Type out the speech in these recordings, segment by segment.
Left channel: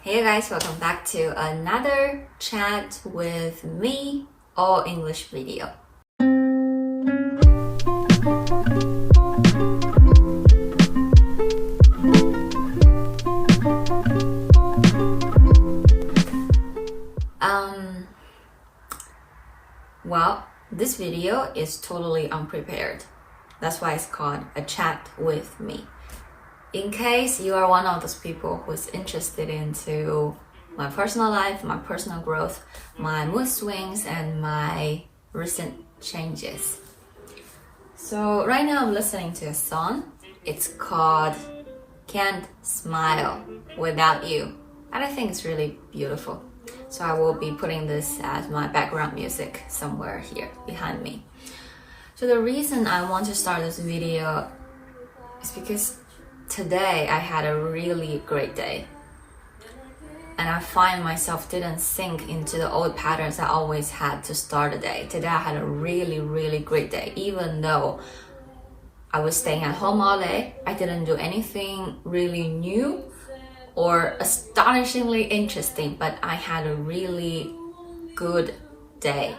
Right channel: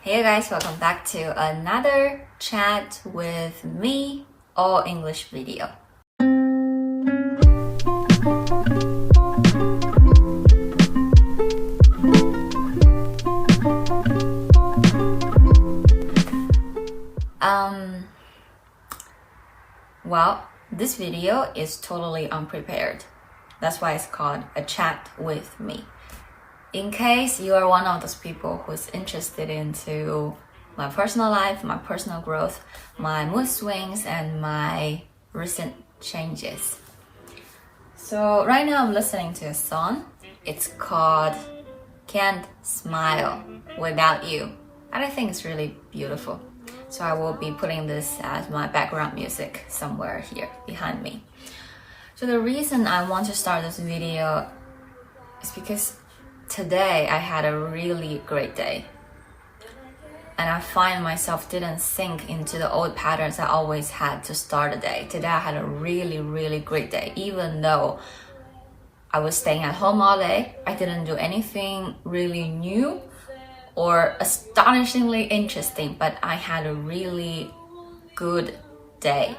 Hey guys, welcome back to another chat with me, all English video. Well, this video is totally unprepared. That's why it's called a chat with me. In case you are one of those people who's interested into my personal life, my personal growth, my mood swings, and my recent changes. So right now I'm listening to a song. It's called Can't Smile Without You. And I think it's really beautiful. So I will be putting this as my background music somewhere here behind me. So the reason I want to start this video is because today I had a really great day. And I find myself didn't sink into the old patterns I always had to start a day. Today I had a really great day. Even though I was staying at home all day, I didn't do anything really new or astonishingly interesting, but I had a really good day.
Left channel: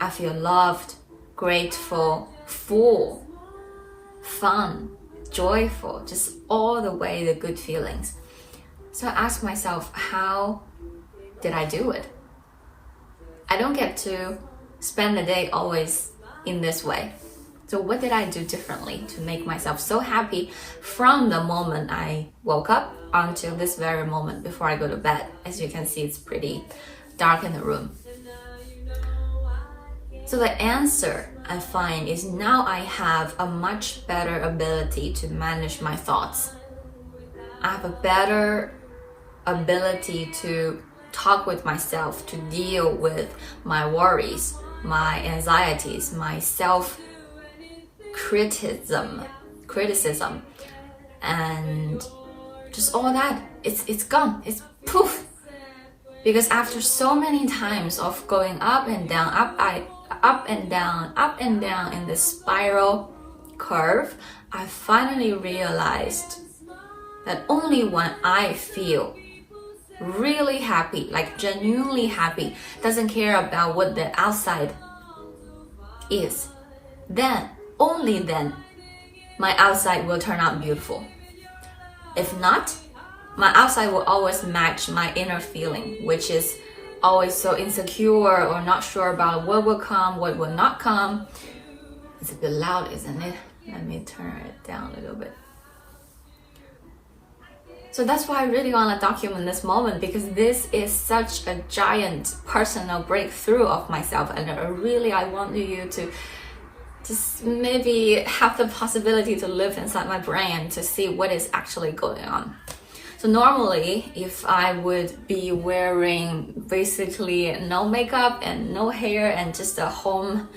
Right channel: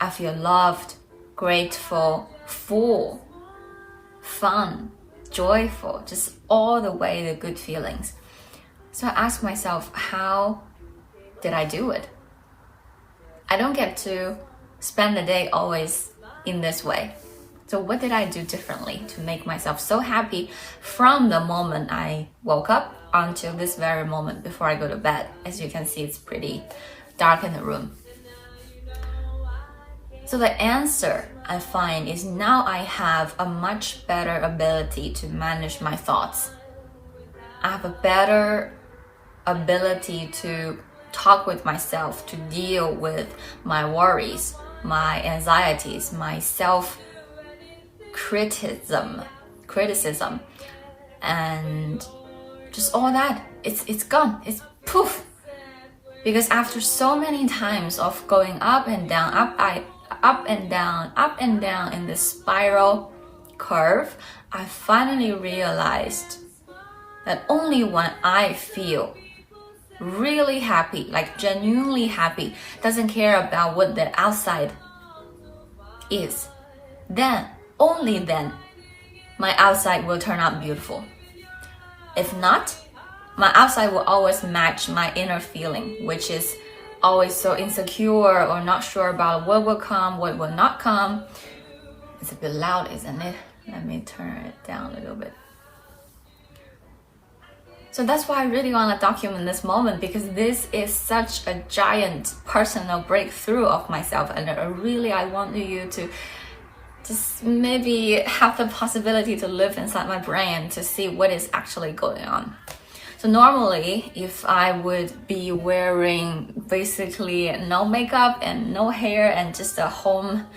I feel loved, grateful, full, fun, joyful, just all the way the good feelings. So I ask myself, how did I do it? I don't get to spend the day always in this way. So what did I do differently to make myself so happy from the moment I woke up until this very moment before I go to bed? As you can see, it's pretty dark in the room. So the answer I find is now I have a much better ability to manage my thoughts. I have a better ability to talk with myself, to deal with my worries, my anxieties, my self-criticism, and just all that. It's gone. It's poof. Because after so many times of going up and down, up and down in this spiral curve, I finally realized that only when I feel really happy, like genuinely happy, doesn't care about what the outside is, then, only then, my outside will turn out beautiful. If not, my outside will always match my inner feeling, which is always so insecure or not sure about what will come, what will not come. It's a bit loud, isn't it? Let me turn it down a little bit. So that's why I really want to document this moment, because this is such a giant personal breakthrough of myself, and I want you to just maybe have the possibility to live inside my brain to see what is actually going on. So normally, if I would be wearing basically no makeup and no hair and just a home,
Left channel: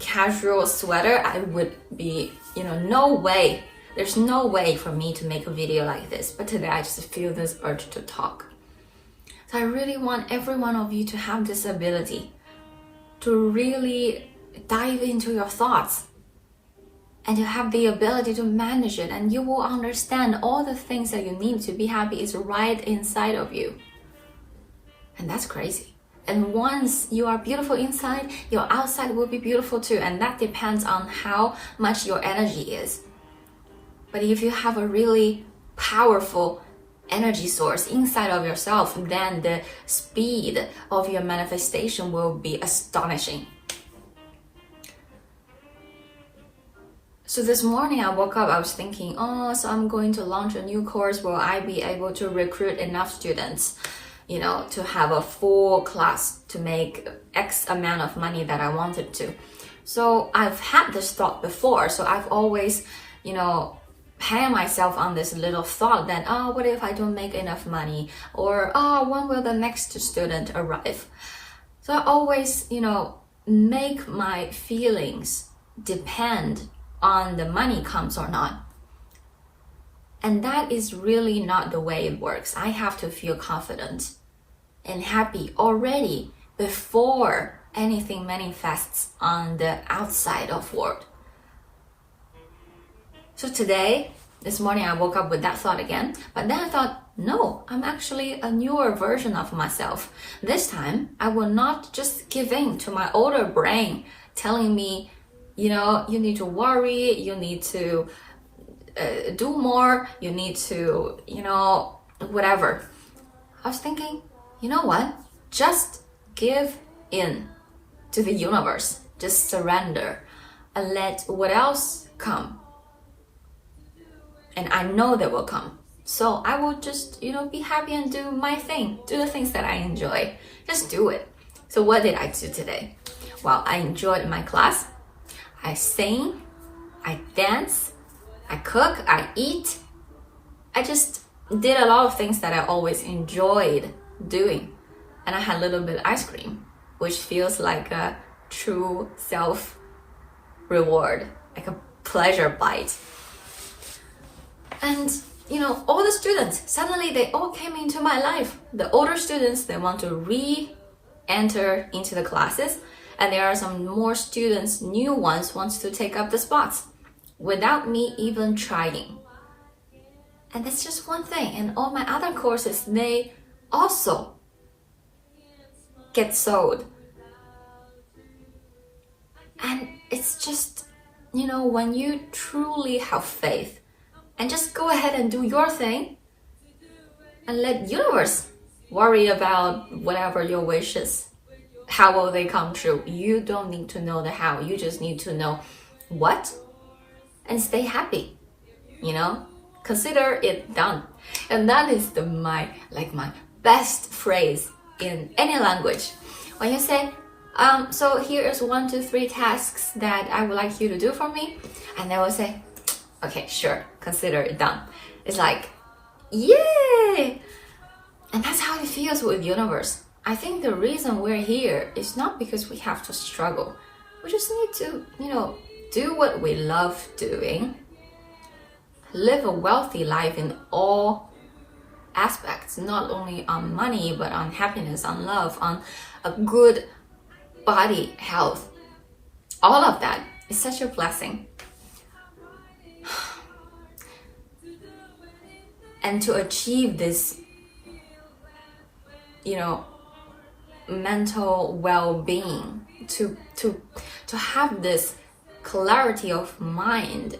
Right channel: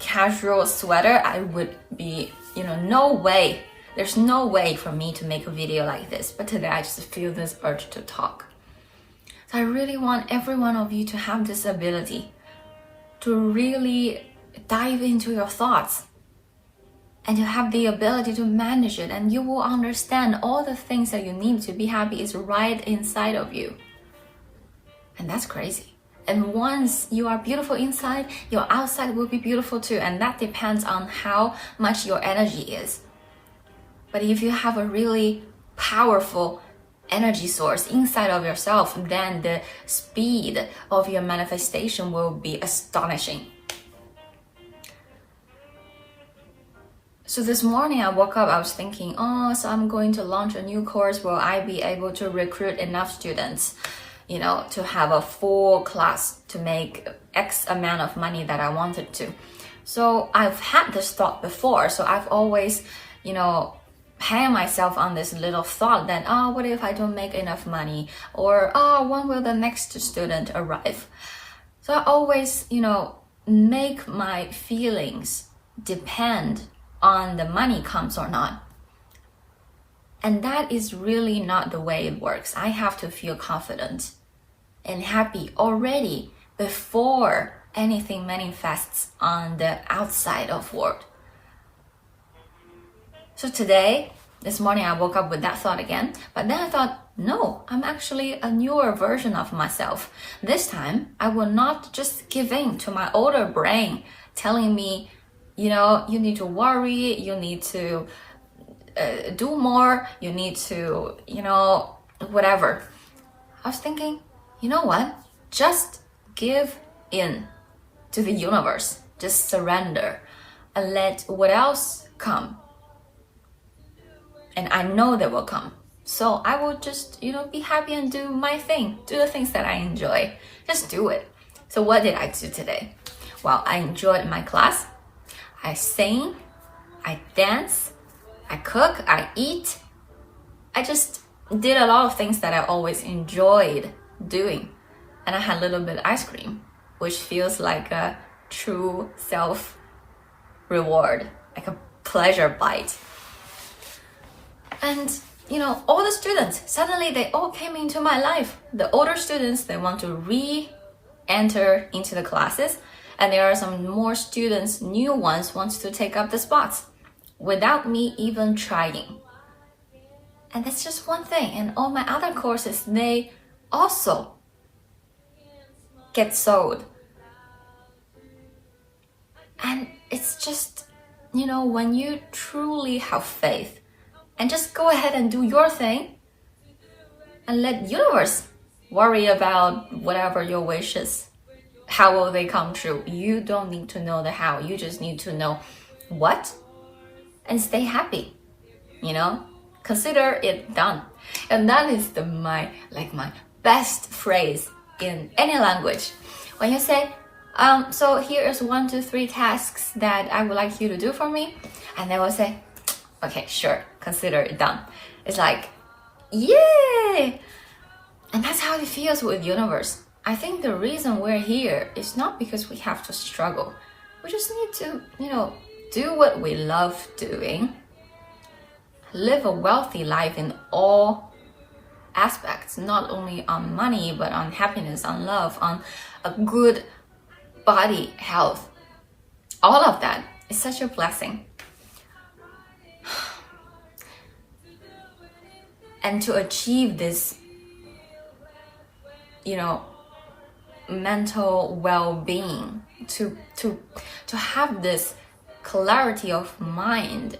casual sweater, I would be, no way. There's no way for me to make a video like this. But today I just feel this urge to talk. So I really want every one of you to have this ability to really dive into your thoughts and you have the ability to manage it, and you will understand all the things that you need to be happy is right inside of you. And that's crazy. And once you are beautiful inside, your outside will be beautiful too, and that depends on how much your energy is. But if you have a really powerful energy source inside of yourself, then the speed of your manifestation will be astonishing. So this morning I woke up, I was thinking, so I'm going to launch a new course. Will I be able to recruit enough students, to have a full class to make X amount of money that I wanted to? So I've had this thought before. So I've always, hang myself on this little thought that, what if I don't make enough money? Or, when will the next student arrive? So I always, make my feelings depend on the money comes or not. And that is really not the way it works. I have to feel confident and happy already before anything manifests on the outside of world. So today, This morning I woke up with that thought again, but then I thought, no, I'm actually a newer version of myself. This time, I will not just give in to my older brain telling me, you need to worry, you need to do more, you need to, whatever. I was thinking, you know what? Just give in to the universe. Just surrender and let what else come. And I know they will come. So I will just, be happy and do my thing. Do the things that I enjoy. Just do it. So what did I do today? Well, I enjoyed my class. I sing. I dance. I cook. I eat. I just did a lot of things that I always enjoyed doing. And I had a little bit of ice cream, which feels like a true self-reward, like a pleasure bite. And, all the students, suddenly they all came into my life. The older students, they want to re-enter into the classes. And there are some more students, new ones, wants to take up the spots without me even trying. And that's just one thing. And all my other courses, they also get sold. And it's just, when you truly have faith and just go ahead and do your thing and let universe worry about whatever your wishes, how will they come true? You don't need to know the how. You just need to know what and stay happy, consider it done. And that is my best phrase in any language. When you say, so here is 1, 2, 3 tasks that I would like you to do for me. And they will say, okay, sure, consider it done. It's like, yay! And that's how it feels with universe. I think the reason we're here is not because we have to struggle. We just need to, do what we love doing. Live a wealthy life in all aspects, not only on money, but on happiness, on love, on a good body health. All of that is such a blessing. And to achieve this, mental well-being, to have this clarity of mind,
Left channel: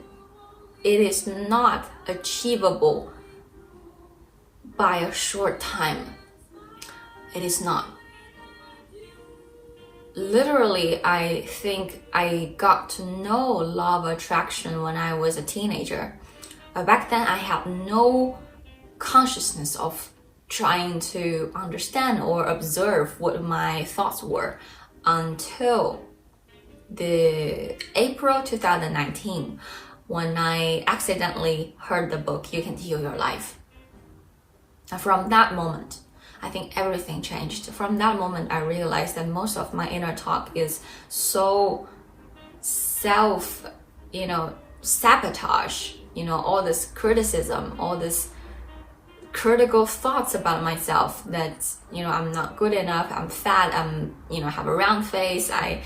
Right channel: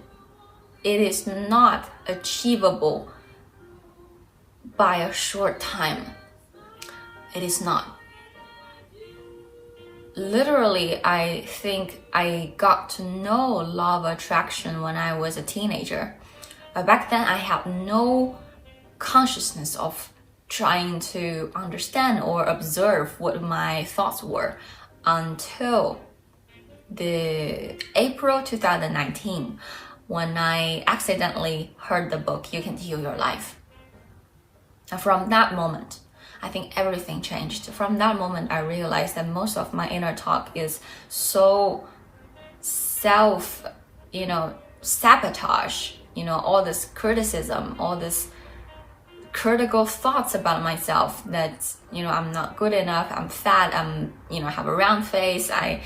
it is not achievable by a short time. It is not. Literally, I think I got to know law of attraction when I was a teenager. But back then, I had no consciousness of trying to understand or observe what my thoughts were until the April 2019, when I accidentally heard the book, You Can Heal Your Life. And from that moment, I think everything changed. From that moment, I realized that most of my inner talk is so sabotage, all this criticism, all this critical thoughts about myself that, I'm not good enough, I'm fat, have a round face, I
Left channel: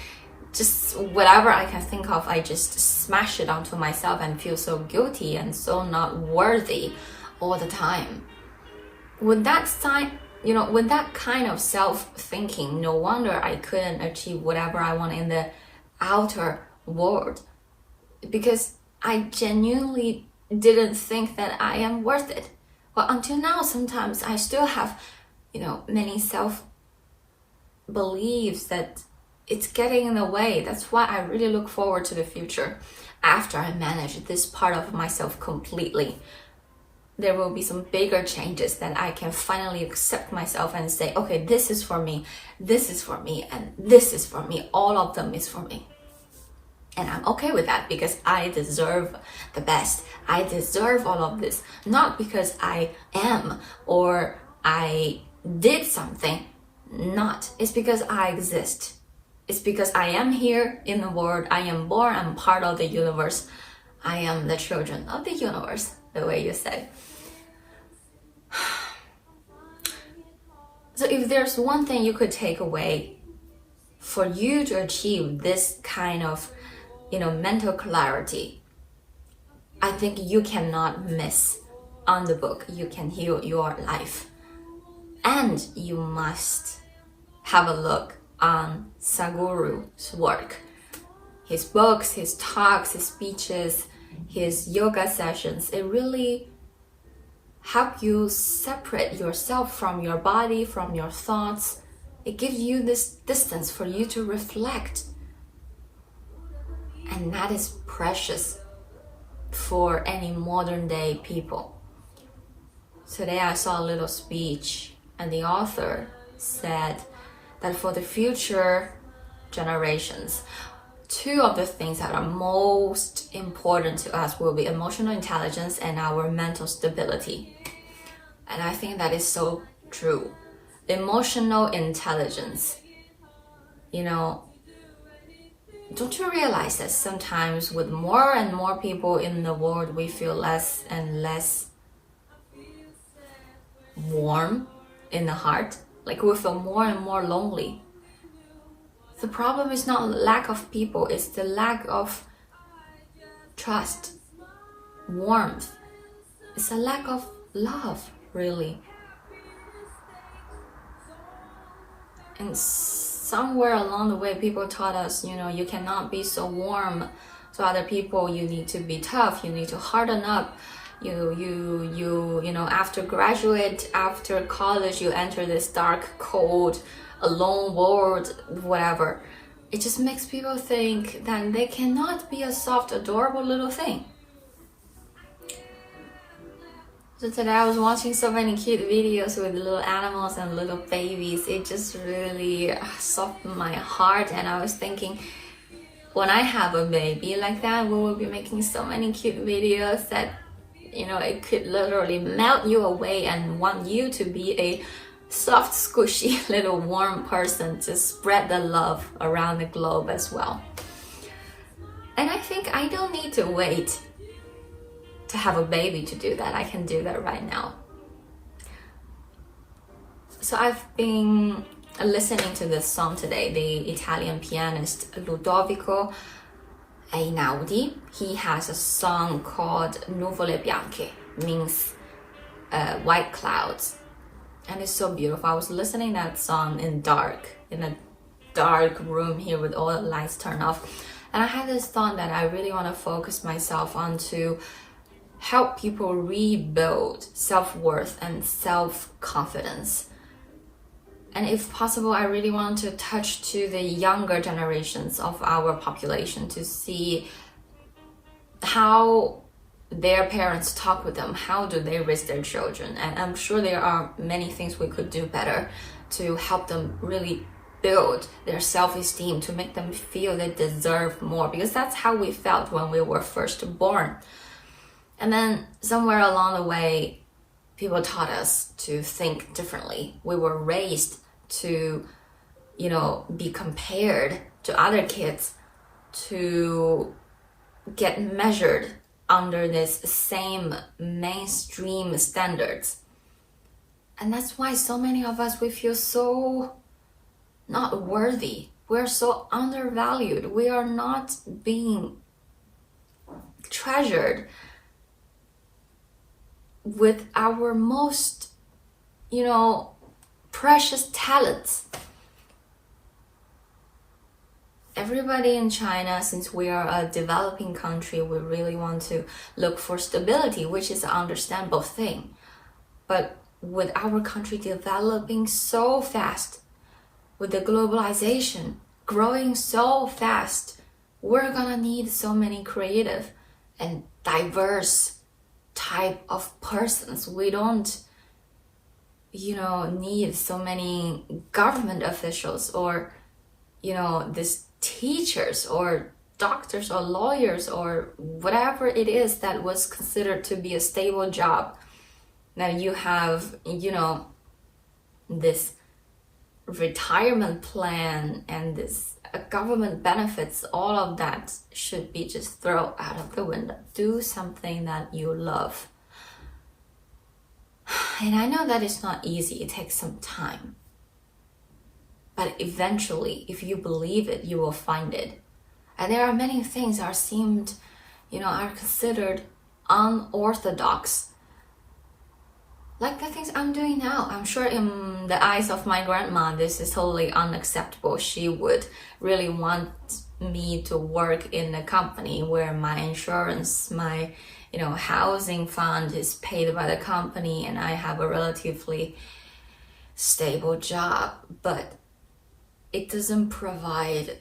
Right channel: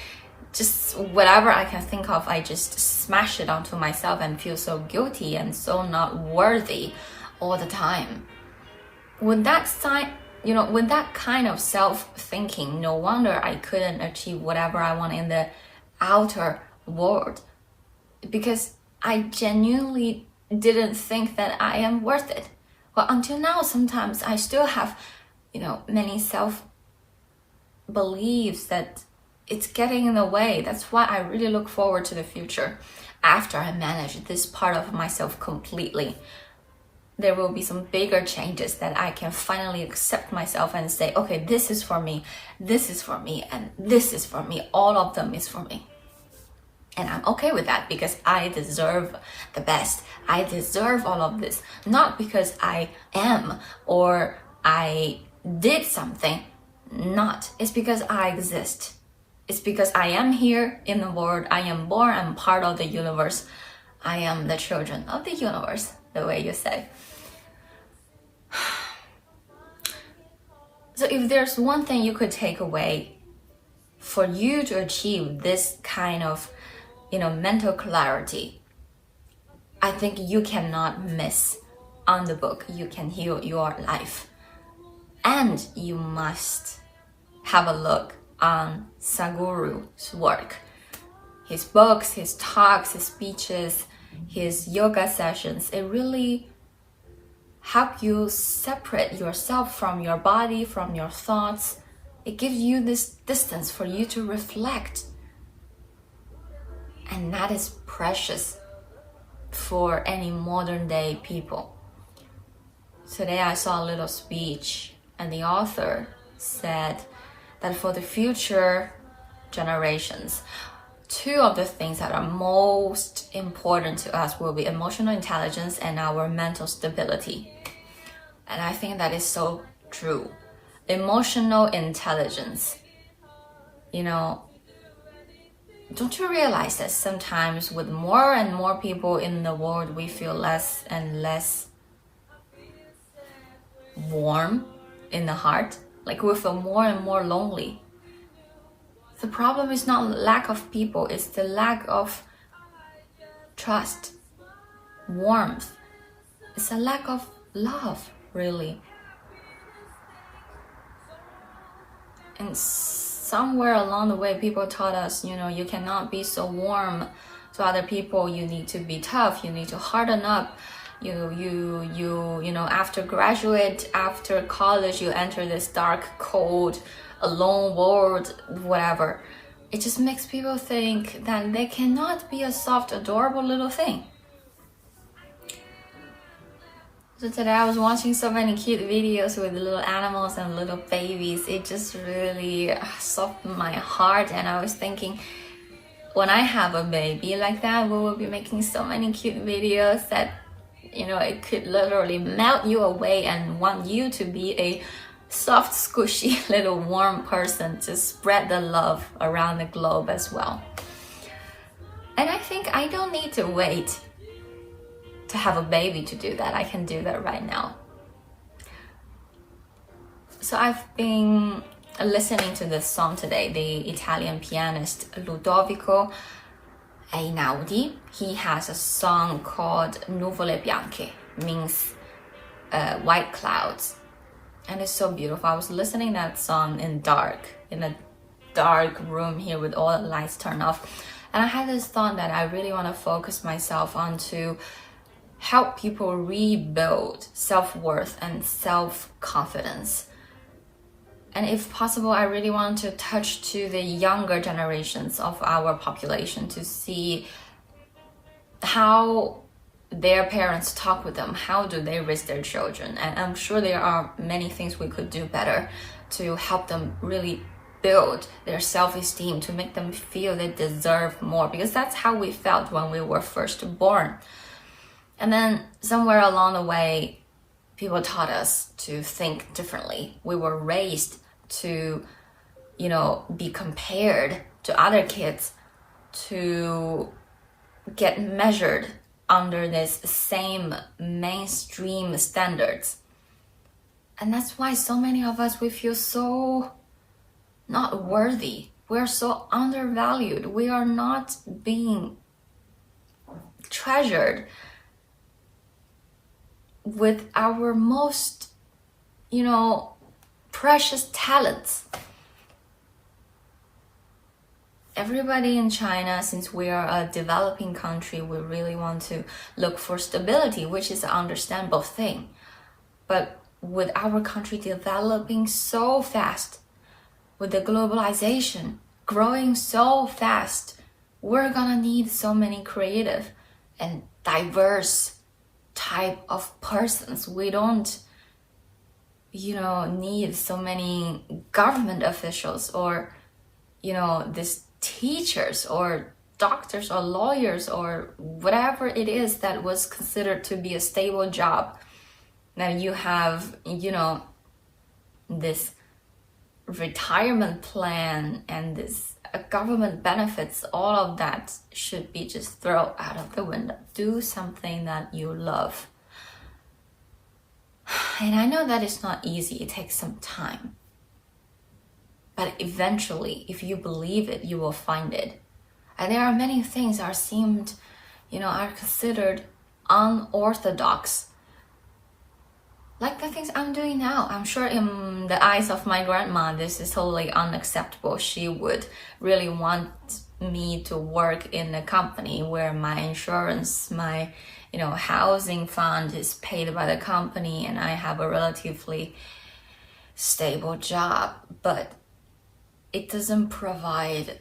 just, whatever I can think of, I just smash it onto myself and feel so guilty and so not worthy all the time. With that kind of self-thinking, no wonder I couldn't achieve whatever I want in the outer world, because I genuinely didn't think that I am worth it. Well, until now, sometimes I still have, many self-beliefs that it's getting in the way. That's why I really look forward to the future. After I manage this part of myself completely, there will be some bigger changes that I can finally accept myself and say, okay, this is for me, and this is for me. All of them is for me. And I'm okay with that because I deserve the best. I deserve all of this, not because I am or I did something. Not. It's because I exist. It's because I am here in the world. I am born. I'm part of the universe. I am the children of the universe, the way you say. So if there's one thing you could take away for you to achieve this kind of, mental clarity, I think you cannot miss on the book. You can heal your life. And you must have a look on Sadhguru's work. His books, his talks, his speeches, his yoga sessions, it really help you separate yourself from your body, from your thoughts. It gives you this distance for you to reflect. And that is precious for any modern day people. Today I saw a little speech and the author said that for the future generations, two of the things that are most important to us will be emotional intelligence and our mental stability. And I think that is so true. Emotional intelligence. You know, don't you realize that sometimes with more and more people in the world, we feel less and less warm in the heart? Like we feel more and more lonely. The problem is not lack of people, it's the lack of trust, warmth. It's a lack of love, really. And somewhere along the way, people taught us, you know, you cannot be so warm to other people. You need to be tough. You need to harden up. You know, after graduate, after college, you enter this dark, cold, alone world, whatever. It just makes people think that they cannot be a soft, adorable little thing. So today I was watching so many cute videos with little animals and little babies. It just really softened my heart, and I was thinking, when I have a baby like that, we will be making so many cute videos that, you know, it could literally melt you away and want you to be a soft, squishy, little warm person to spread the love around the globe as well. And I think I don't need to wait to have a baby to do that. I can do that right now. So I've been listening to this song today. The Italian pianist Ludovico Einaudi, he has a song called Nuvole Bianche, means white clouds. And it's so beautiful. I was listening to that song in a dark room here with all the lights turned off. And I had this thought that I really want to focus myself on to help people rebuild self-worth and self-confidence. And if possible, I really want to touch to the younger generations of our population to see how their parents talk with them, how do they raise their children. And I'm sure there are many things we could do better to help them really build their self-esteem, to make them feel they deserve more, because that's how we felt when we were first born. And then somewhere along the way, people taught us to think differently. We were raised to, you know, be compared to other kids, to get measured under this same mainstream standards. And that's why so many of us, we feel so not worthy. We're so undervalued. We are not being treasured with our most, you know, precious talents. Everybody in China, since we are a developing country, we really want to look for stability, which is an understandable thing. But with our country developing so fast, with the globalization growing so fast, we're gonna need so many creative and diverse type of persons. We don't, you know, need so many government officials or, you know, these teachers or doctors or lawyers or whatever it is that was considered to be a stable job. Now you have, you know, this retirement plan and this government benefits. All of that should be just thrown out of the window. Do something that you love. And I know that it's not easy. It takes some time. But eventually, if you believe it, you will find it. And there are many things that are considered unorthodox. Like the things I'm doing now. I'm sure in the eyes of my grandma, this is totally unacceptable. She would really want me to work in a company where my insurance, my housing fund is paid by the company and I have a relatively stable job, but it doesn't provide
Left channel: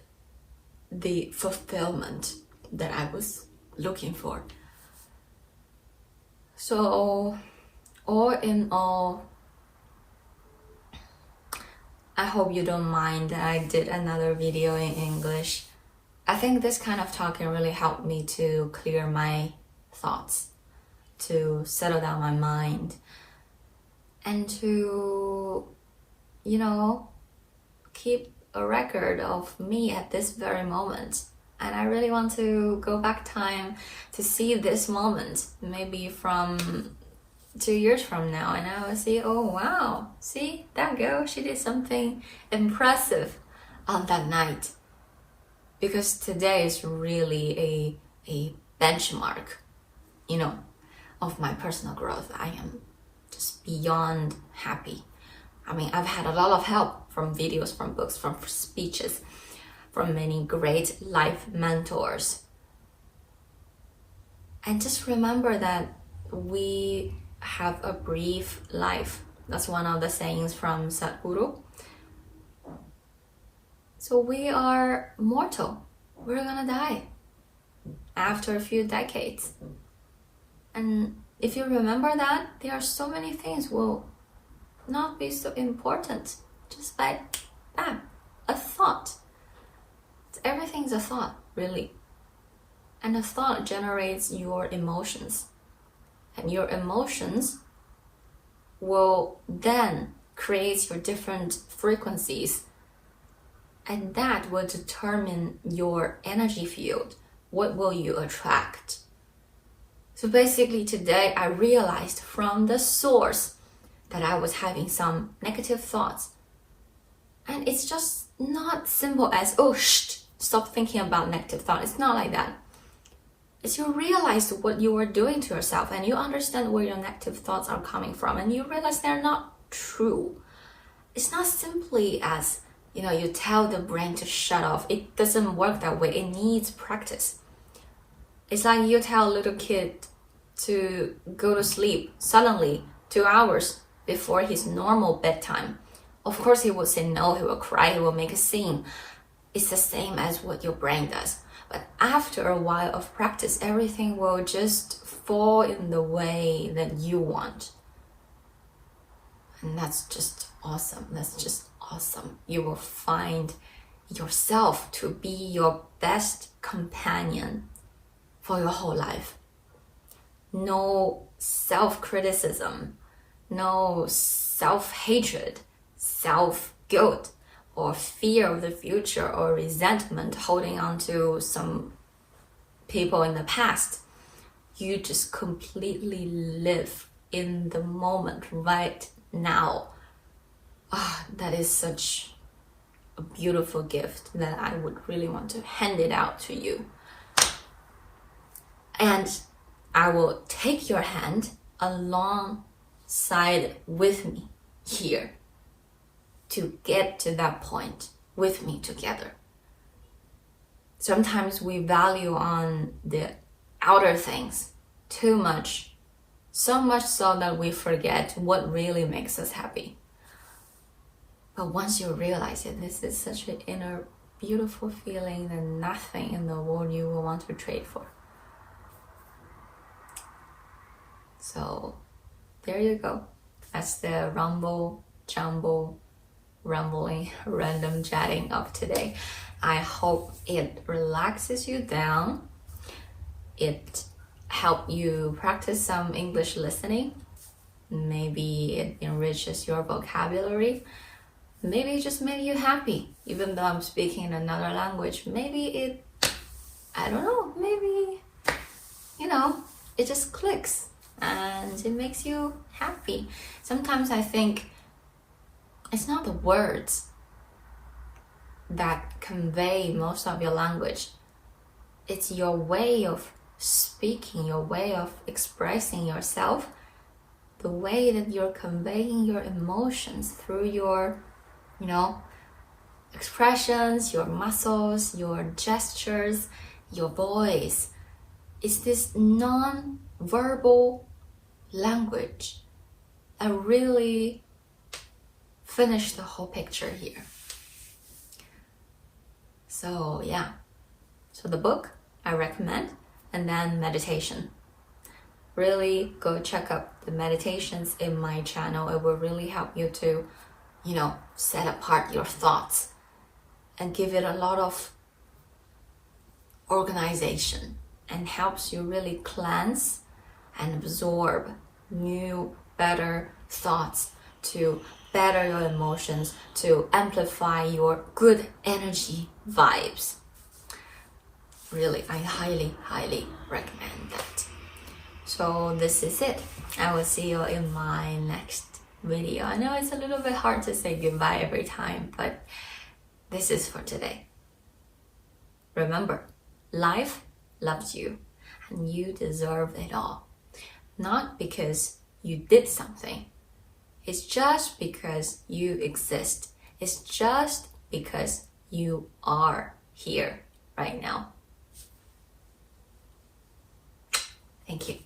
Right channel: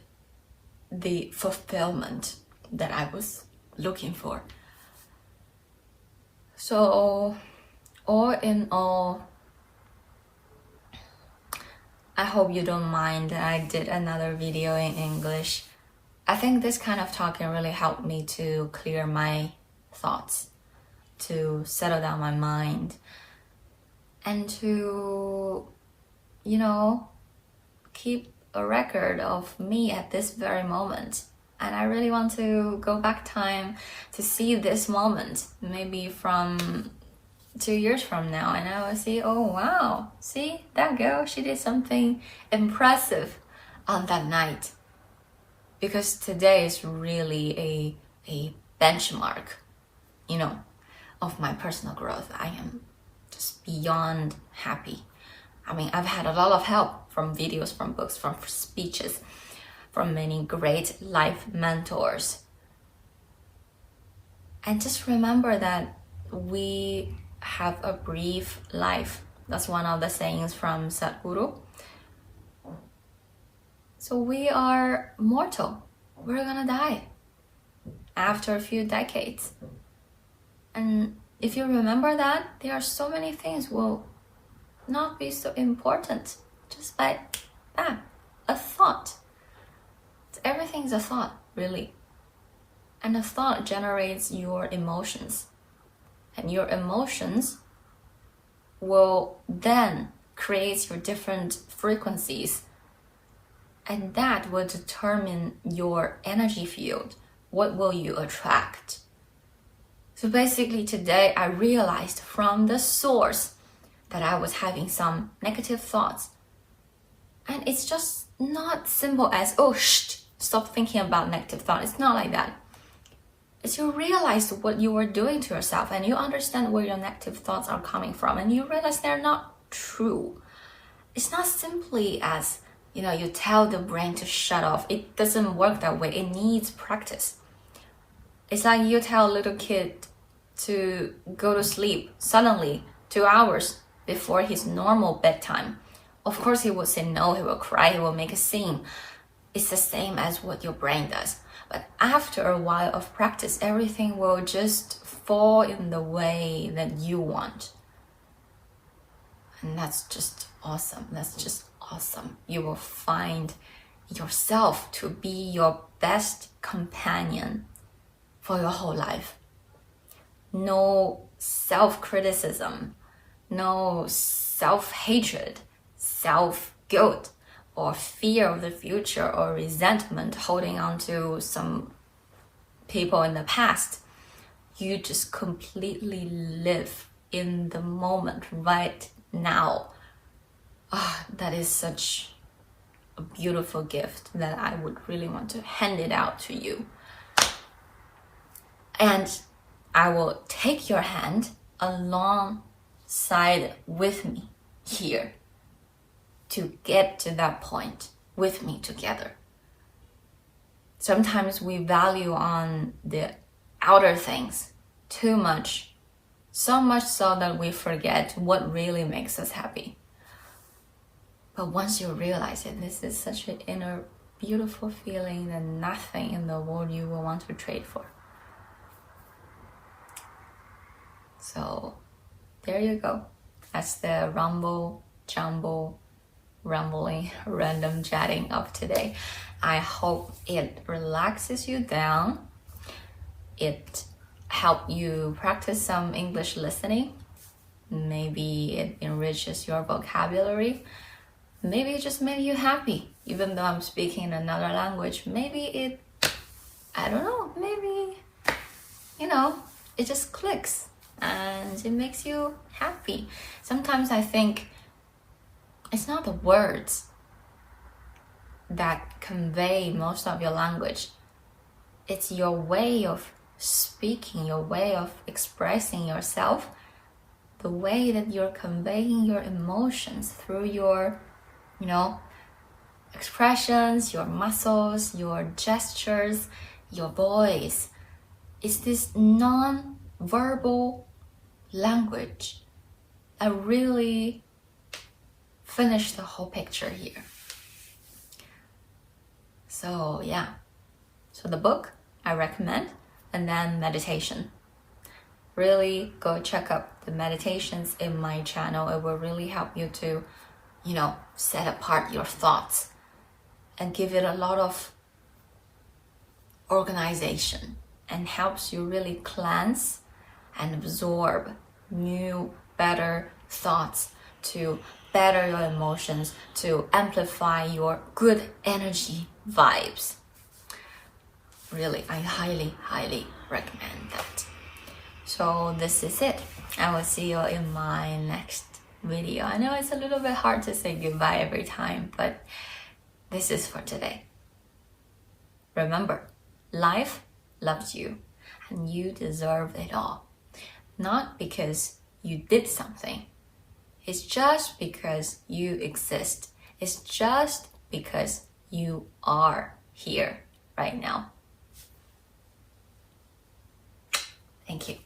the fulfillment that I was looking for. So all in all, I hope you don't mind that I did another video in English. I think this kind of talking really helped me to clear my thoughts, to settle down my mind, and to, keep a record of me at this very moment. And I really want to go back time to see this moment, maybe from 2 years from now, and I will see, oh wow, see that girl, she did something impressive on that night. Because today is really a benchmark, of my personal growth. I am just beyond happy. I mean, I've had a lot of help from videos, from books, from speeches, from many great life mentors. And just remember that we have a brief life. That's one of the sayings from Sadhguru. So we are mortal. We're gonna die after a few decades. And if you remember that, there are so many things will not be so important. Just like that, a thought. Everything's a thought, really. And a thought generates your emotions. And your emotions will then create your different frequencies. And that will determine your energy field. What will you attract? So basically today I realized from the source that I was having some negative thoughts. And it's just not simple as, stop thinking about negative thought. It's not like that. It's you realize what you are doing to yourself and you understand where your negative thoughts are coming from and you realize they're not true. It's not simply as, you tell the brain to shut off. It doesn't work that way. It needs practice. It's like you tell a little kid to go to sleep suddenly 2 hours before his normal bedtime. Of course, he will say no, he will cry, he will make a scene. It's the same as what your brain does. But after a while of practice, everything will just fall in the way that you want. And that's just awesome. That's just awesome. You will find yourself to be your best companion for your whole life. No self-criticism, no self-hatred, self-guilt, or fear of the future, or resentment holding on to some people in the past. You just completely live in the moment right now. That is such a beautiful gift that I would really want to hand it out to you. And I will take your hand alongside with me here to get to that point with me together. Sometimes we value on the outer things too much, so much so that we forget what really makes us happy. But once you realize it, this is such an inner beautiful feeling that nothing in the world you will want to trade for. So there you go. That's the rambling, random chatting of today. I hope it relaxes you down. It helps you practice some English listening. Maybe it enriches your vocabulary. Maybe it just made you happy, even though I'm speaking in another language. Maybe it, I don't know, maybe, it just clicks and it makes you happy. Sometimes I think it's not the words that convey most of your language. It's your way of speaking, your way of expressing yourself, the way that you're conveying your emotions through your, expressions, your muscles, your gestures, your voice. It's this non-verbal language that really finish the whole picture here. So yeah, so the book I recommend, and then meditation. Really go check out the meditations in my channel. It will really help you to, set apart your thoughts and give it a lot of organization, and helps you really cleanse and absorb new, better thoughts to better your emotions, to amplify your good energy vibes. Really, I highly, highly recommend that. So this is it. I will see you in my next video. I know it's a little bit hard to say goodbye every time, but this is for today. Remember, life loves you and you deserve it all. Not because you did something. It's just because you exist. It's just because you are here right now. Thank you.